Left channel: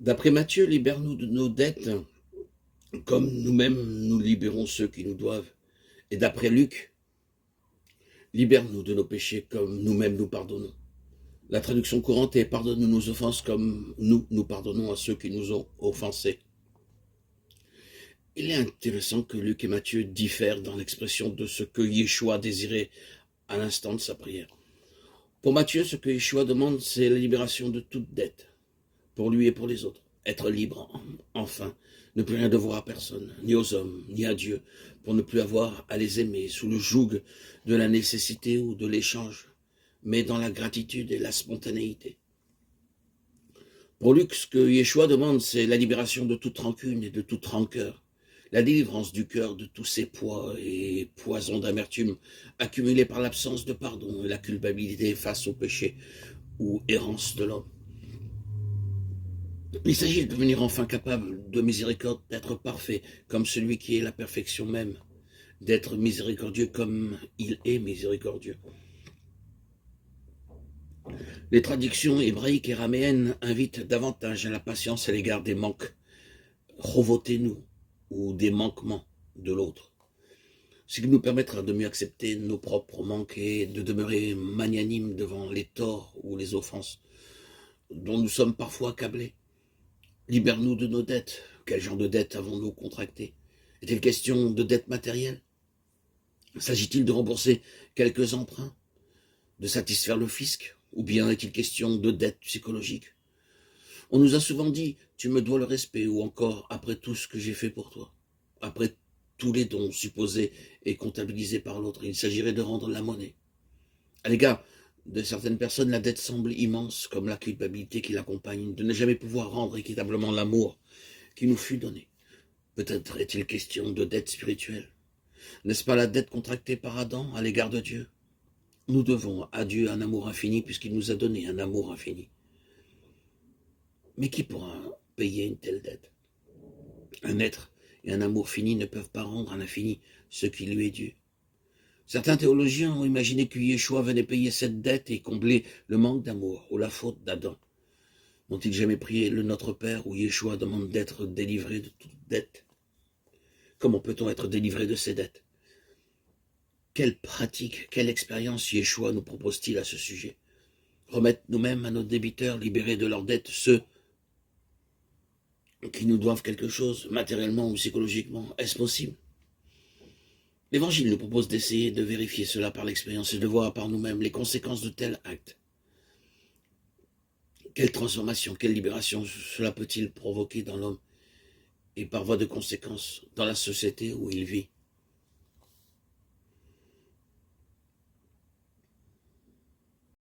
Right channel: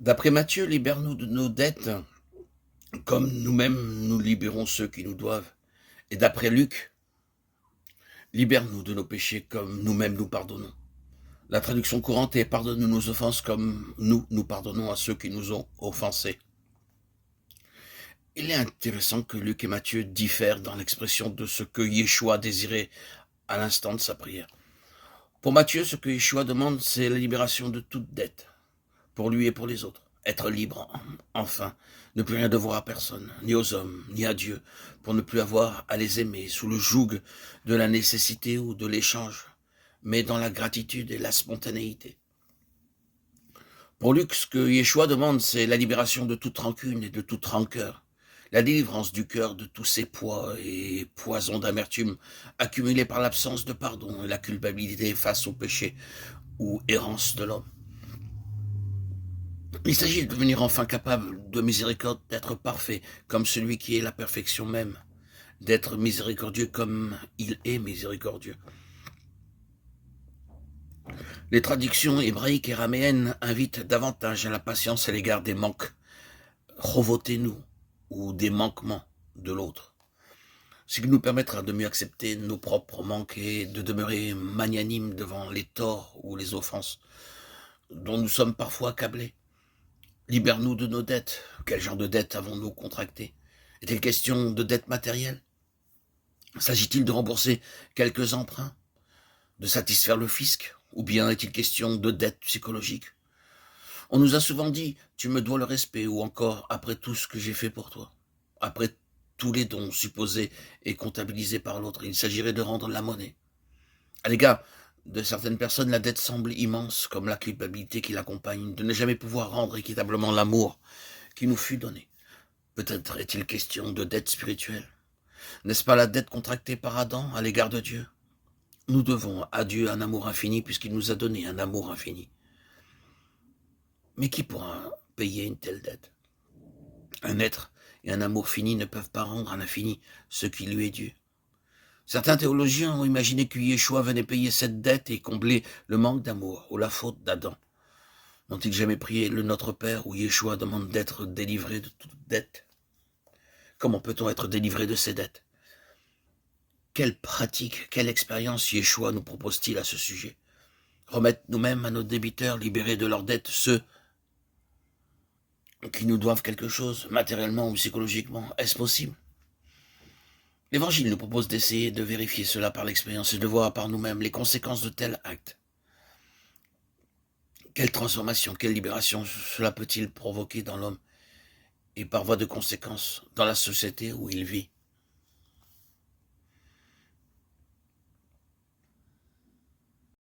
D'après Matthieu, libère-nous de nos dettes, comme nous-mêmes nous libérons ceux qui nous doivent. Et d'après Luc, libère-nous de nos péchés, comme nous-mêmes nous pardonnons. La traduction courante est pardonne-nous nos offenses, comme nous pardonnons à ceux qui nous ont offensés. Il est intéressant que Luc et Matthieu diffèrent dans l'expression de ce que Yeshua désirait à l'instant de sa prière. Pour Matthieu, ce que Yeshua demande, c'est la libération de toute dette, pour lui et pour les autres. Être libre, enfin, ne plus rien devoir à personne, ni aux hommes, ni à Dieu, pour ne plus avoir à les aimer sous le joug de la nécessité ou de l'échange, mais dans la gratitude et la spontanéité. Pour Luc, ce que Yeshua demande, c'est la libération de toute rancune et de toute rancœur, la délivrance du cœur de tous ces poids et poisons d'amertume accumulés par l'absence de pardon et la culpabilité face au péché ou errance de l'homme. Il s'agit de devenir enfin capable de miséricorde, d'être parfait comme celui qui est la perfection même, d'être miséricordieux comme il est miséricordieux. Les traductions hébraïques et araméennes invitent davantage à la patience à l'égard des manques, chovotez-nous, ou des manquements de l'autre, ce qui nous permettra de mieux accepter nos propres manques et de demeurer magnanimes devant les torts ou les offenses dont nous sommes parfois accablés. Libère-nous de nos dettes. Quel genre de dettes avons-nous contractées? Est-il question de dettes matérielles? S'agit-il de rembourser quelques emprunts? De satisfaire le fisc? Ou bien est-il question de dettes psychologiques? On nous a souvent dit « tu me dois le respect » ou encore « après tout ce que j'ai fait pour toi ». Après tous les dons supposés et comptabilisés par l'autre, il s'agirait de rendre la monnaie. À l'égard de certaines personnes, la dette semble immense, comme la culpabilité qui l'accompagne, de ne jamais pouvoir rendre équitablement l'amour qui nous fut donné. Peut-être est-il question de dette spirituelle. N'est-ce pas la dette contractée par Adam à l'égard de Dieu? Nous devons à Dieu un amour infini puisqu'il nous a donné un amour infini. Mais qui pourra payer une telle dette? Un être et un amour fini ne peuvent pas rendre à l'infini ce qui lui est dû. Certains théologiens ont imaginé que Yeshua venait payer cette dette et combler le manque d'amour ou la faute d'Adam. N'ont-ils jamais prié le Notre Père où Yeshua demande d'être délivré de toute dette? Comment peut-on être délivré de ces dettes? Quelle pratique, quelle expérience Yeshua nous propose-t-il à ce sujet? Remettre nous-mêmes à nos débiteurs, libérer de leurs dettes ceux qui nous doivent quelque chose, matériellement ou psychologiquement, est-ce possible? L'Évangile nous propose d'essayer de vérifier cela par l'expérience et de voir par nous-mêmes les conséquences de tels actes. Quelle transformation, quelle libération cela peut-il provoquer dans l'homme et par voie de conséquence dans la société où il vit?